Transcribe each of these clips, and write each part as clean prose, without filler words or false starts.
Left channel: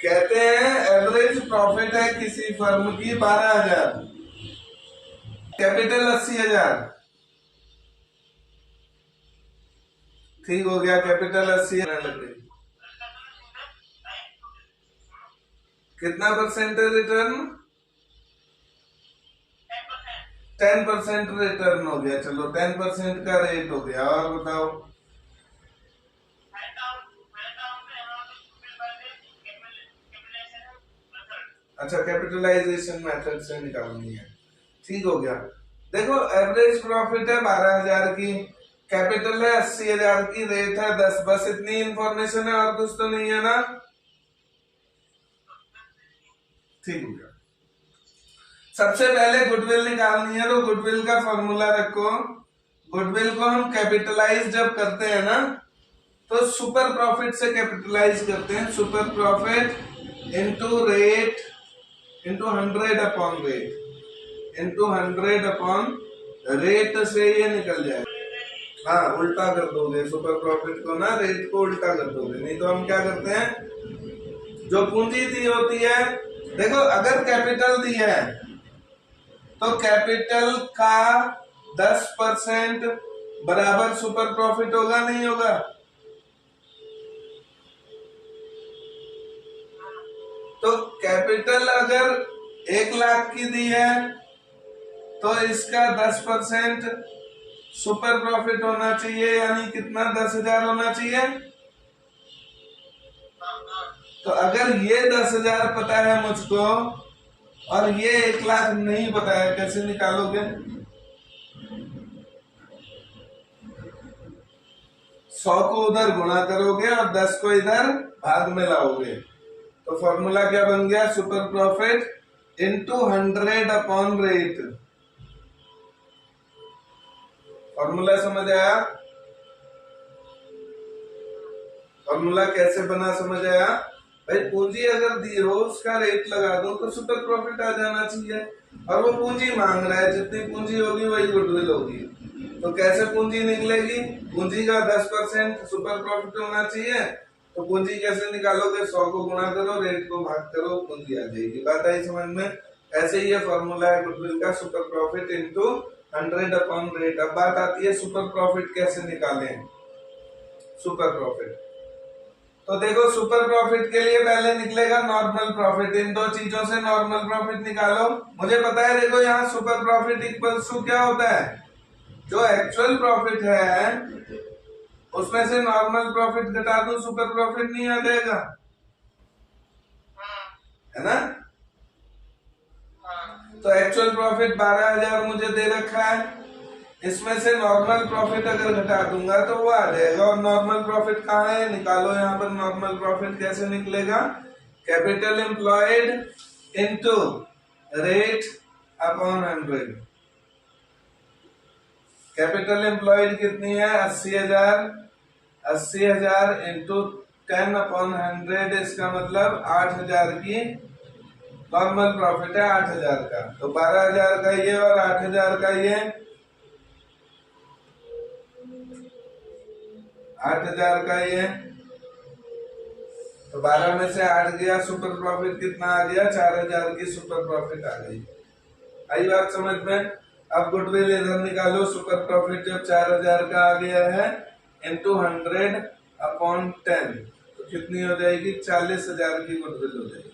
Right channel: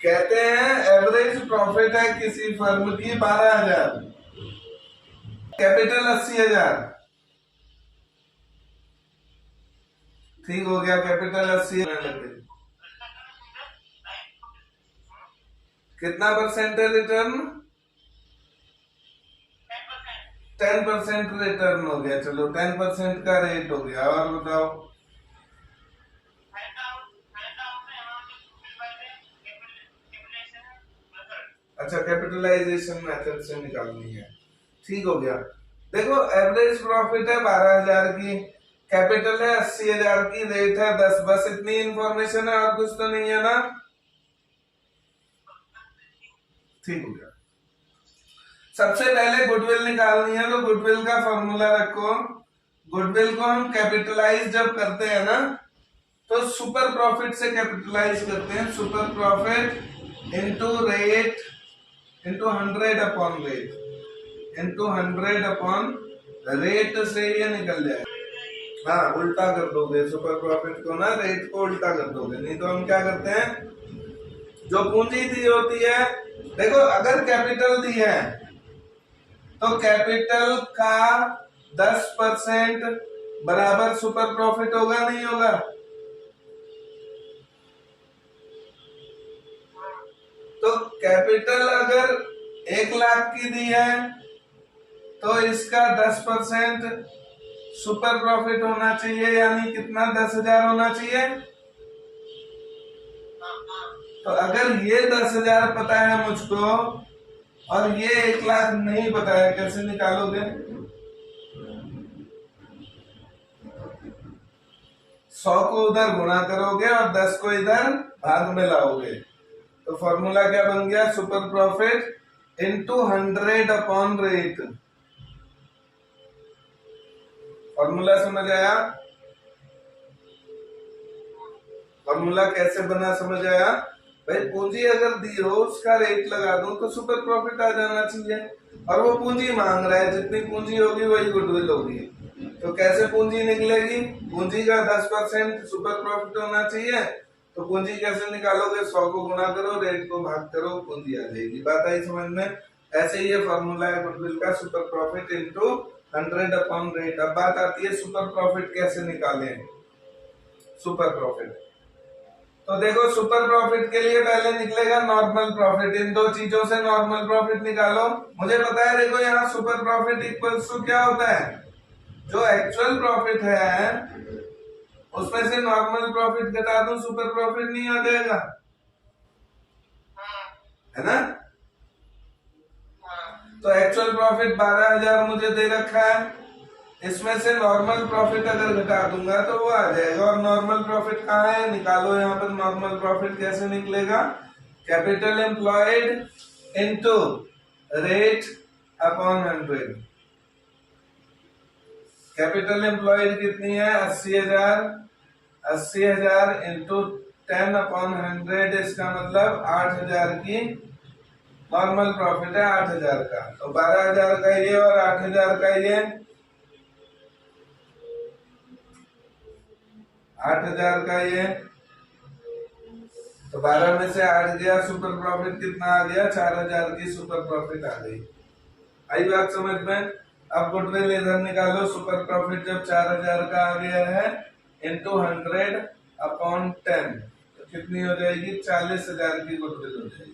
कहते हैं average profit है किसी फर्म की 12,000, कैपिटल 80,000। ठीक हो गया, कैपिटल 80,000 लग गई। कितना परसेंट है रिटर्न? 10% रिटर्न हो गया। चलो 10% का रेट हो गया। और बताओ। अच्छा, कैपिटलाइजेशन मेथड से निकालनी है। ठीक हो गया। देखो, एवरेज प्रॉफिट है 12,000 की, कैपिटल है 80,000 की, रेट है 10। बस इतनी इंफॉर्मेशन है, और कुछ तो नहीं है ना? ठीक हो गया। सबसे पहले गुडविल निकालनी है, तो गुडविल का फॉर्मूला रखो। गुडविल को हम कैपिटलाइज जब करते हैं ना, तो सुपर प्रॉफिट से कैपिटलाइज करते हैं। Super profit into rate into 100 upon rate into 100 upon rate से ये निकल जाए। हाँ, उल्टा कर दोगे सुपर प्रॉफिट को ना, रेट को उल्टा कर दोगे। नहीं तो हम क्या करते हैं, जो पूंजी दी होती है, देखो अगर कैपिटल दी है तो कैपिटल का 10% बराबर सुपर प्रॉफिट होगा, नहीं होगा? तो कैपिटल अगर 1,00,000 की दी है तो इसका 10% सुपर प्रॉफिट होना चाहिए, यानी कितना? 10,000 होना चाहिए। तो अगर ये 10,000 पता है मुझको और ये 1,00,000 नहीं पता है, कैसे निकालोगे? 100 को उधर गुणा करोगे और 10 को इधर भाग में लाओगे। तो फॉर्मूला क्या बन गया? Super profit into 100 upon rate. Formula समझ आया? फॉर्मूला कैसे बना समझ आया? भाई पूंजी अगर दी हो, उसका रेट लगा दो तो सुपर प्रॉफिट आ जाना चाहिए। और वो पूंजी मांग रहा है, जितनी पूंजी होगी वही गुडविल होगी। तो कैसे पूंजी निकलेगी? पूंजी का 10% सुपर प्रॉफिट होना चाहिए। तो पूंजी कैसे निकालोगे? 100 को गुणा करो, रेट को भाग करो, पूंजी आ जाएगी। बात आई समझ में? ऐसे ही ये फॉर्मूला है गुडविल का, super profit into 100 upon rate. अब बात आती है सुपर प्रॉफिट कैसे निकालें। सुपर प्रॉफिट, तो देखो सुपर प्रॉफिट के लिए पहले निकलेगा नॉर्मल प्रॉफिट। इन दो चीजों से नॉर्मल प्रॉफिट निकालो। मुझे पता है, देखो यहाँ सुपर प्रॉफिट इक्वल्स टू क्या होता है? जो एक्चुअल प्रॉफिट है उसमें से नॉर्मल प्रॉफिट घटा दूं, सुपर प्रॉफिट नहीं आ जाएगा, है ना? तो एक्चुअल प्रॉफिट 12,000 मुझे दे रखा है, इसमें से नॉर्मल प्रॉफिट अगर घटा दूंगा तो वो आ जाएगा। और नॉर्मल प्रॉफिट कहाँ है? निकालो यहाँ पर। नॉर्मल प्रॉफिट कैसे निकलेगा? Capital employed into rate upon 100। Capital employed कितनी है? 80,000। 80,000 इंटू 10 अपॉन 100, इसका मतलब 8,000 की नॉर्मल प्रॉफिट है, 8,000 का। तो 12,000 का ये और 8,000 का ये, 8,000 का ये। तो 12 में से 8 गया, सुपर प्रॉफिट कितना आ गया? 4,000 की सुपर प्रॉफिट आ गई। आई बात समझ में? अब गुडविल इधर निकालो। सुपर प्रॉफिट जब 4,000 का आ गया है इंटू 100 अपॉन 10, तो कितनी हो जाएगी? 40,000 की गुडविल हो जाएगी।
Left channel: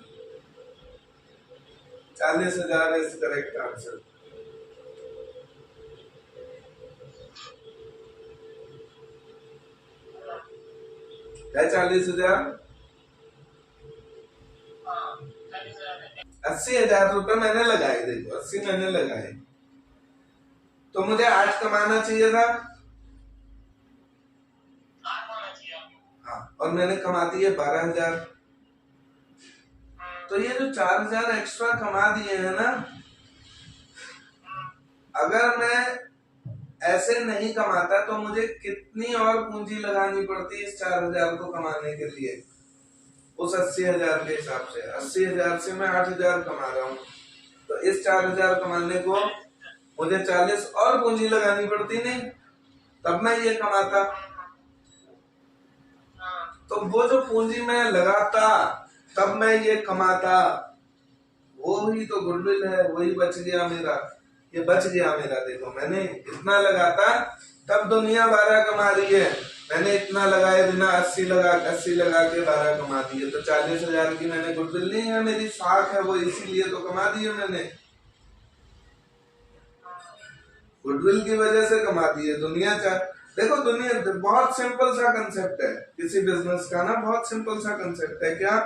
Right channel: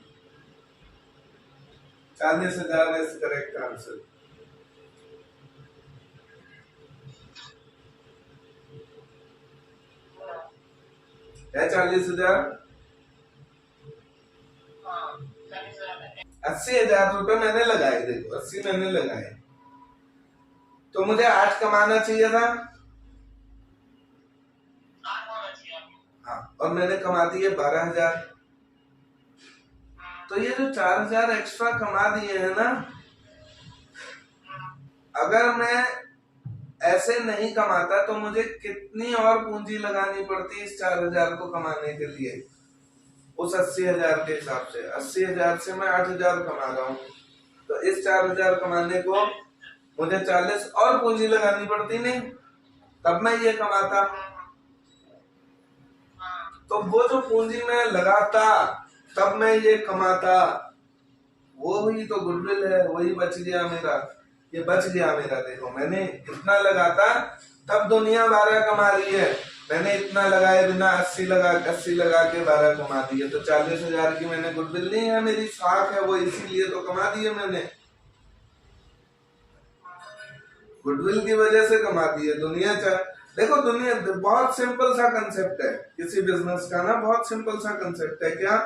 40,000 इज करेक्ट आंसर। है 40,000। 80,000 रुपए मैंने लगाए, देखो 80 मैंने लगाए, तो मुझे 8 कमाना चाहिए था। हाँ, और मैंने कमा दिए 12,000। तो ये जो 4,000 एक्स्ट्रा कमा दिए है ना, अगर मैं ऐसे नहीं कमाता तो मुझे कितनी और पूंजी लगानी पड़ती इस 4,000 को कमाने के लिए? उस 80,000 के हिसाब से 80,000 से मैं 8,000 कमा रहा हूँ, तो इस 4,000 कमाने को मुझे 40 और पूंजी लगानी पड़ती, नहीं? तब मैं ये कमाता। तो वो जो पूंजी मैं लगाता तब मैं ये कमाता। वो ही तो गुडविल है, वही बच गया मेरा, ये बच गया मेरा। देखो मैंने इतना लगाता तब दुनिया 12 कमा रही है, मैंने इतना लगाए बिना 80 लगा के 12 कमा दिए, तो 40,000 की मैंने गुडविल नहीं है, मेरी साख है वो, इसीलिए तो कमा दिए मैंने, गुडविल की वजह से कमा दिए। दुनिया देखो दुनिया बहुत सिंपल सा कंसेप्ट है किसी बिजनेस का ना, बहुत सिंपल सा कंसेप्ट है क्या,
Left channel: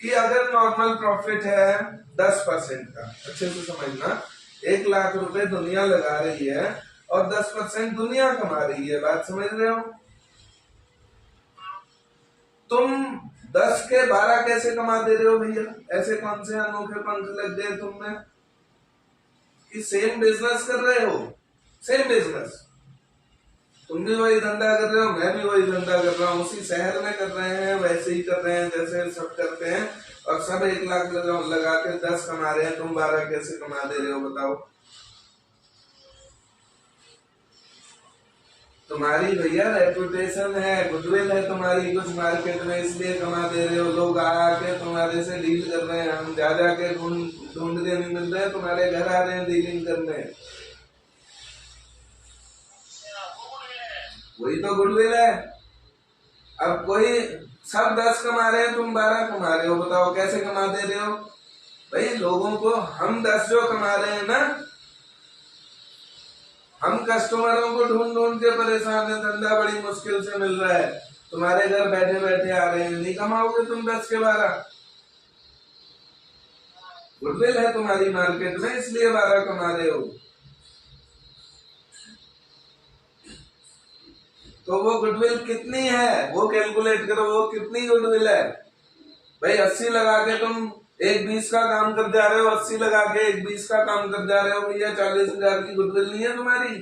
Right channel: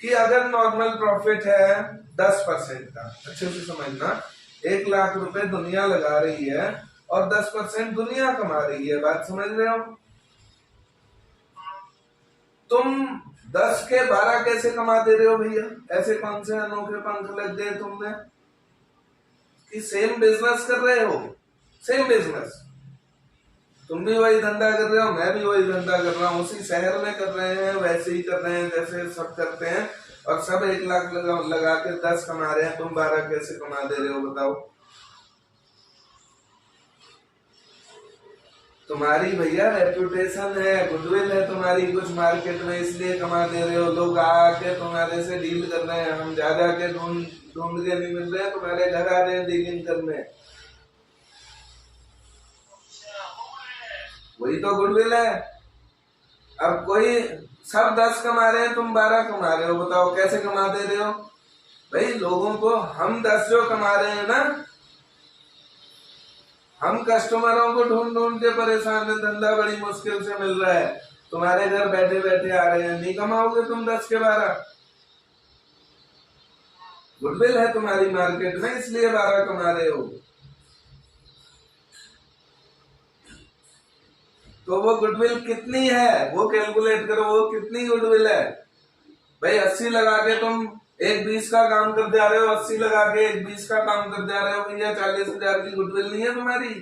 कि अगर नॉर्मल प्रॉफिट है 10% का, अच्छे से समझना, 1,00,000 रुपए दुनिया लगा रही है और 10% दुनिया कमा रही है, बात समझ रहे हो? तुम 10 के 12 कैसे कमा दे रहे हो भैया? ऐसे कौन से अनोखे पंख लग गए तुम में कि सेम बिजनेस कर रहे हो, सेम बिजनेस, तुम भी वही धंधा कर रहे हो, मैं भी वही धंधा कर रहा हूँ, उसी शहर में कर रहे हैं, वैसे ही कर रहे हैं जैसे सब करते हैं, और सब 1,00,000 लगा के 10 कमा रहे हैं, तुम 12 कैसे कमा दे रहे हो बताओ? तुम्हारी भैया रेपुटेशन है, गुडविल है तुम्हारी कुछ मार्केट में, इसलिए कमा दे रहे हो। लोग आके तुम्हारे से डील कर रहे हैं, हम जा के ढूंढ के नहीं मिल रहे, तुम्हारे घर आ रहे हैं डीलिंग करने, वही तो गुडविल है। अब कोई सब 10 कमा रहे हैं, तुम 12 कमा रहे हो, बताओ कैसे कमा दे रहे हो भाई? लोगों को हम 10 जो कमा रहे हैं ना, हम कस्टमरों को ढूंढ के परेशान है, धंधा बड़ी मुश्किल से मिल रहा है, तुम्हारे घर बैठे बैठे आ रहे हैं, नहीं कमाओगे तुम 10 के 12? गुडविल है तुम्हारी मार्केट में, इसलिए 12 कमा रहे हो। तो वो गुडविल कितनी है वो कैलकुलेट करो, वो कितनी गुडविल है भाई? 80 लगा के तुम एक 20 का काम कर जा रहे हो, 80 लगा के एक 20 का काम कर जा रहे हो भैया, 40,000 की गुडविल नहीं है तुम्हारी?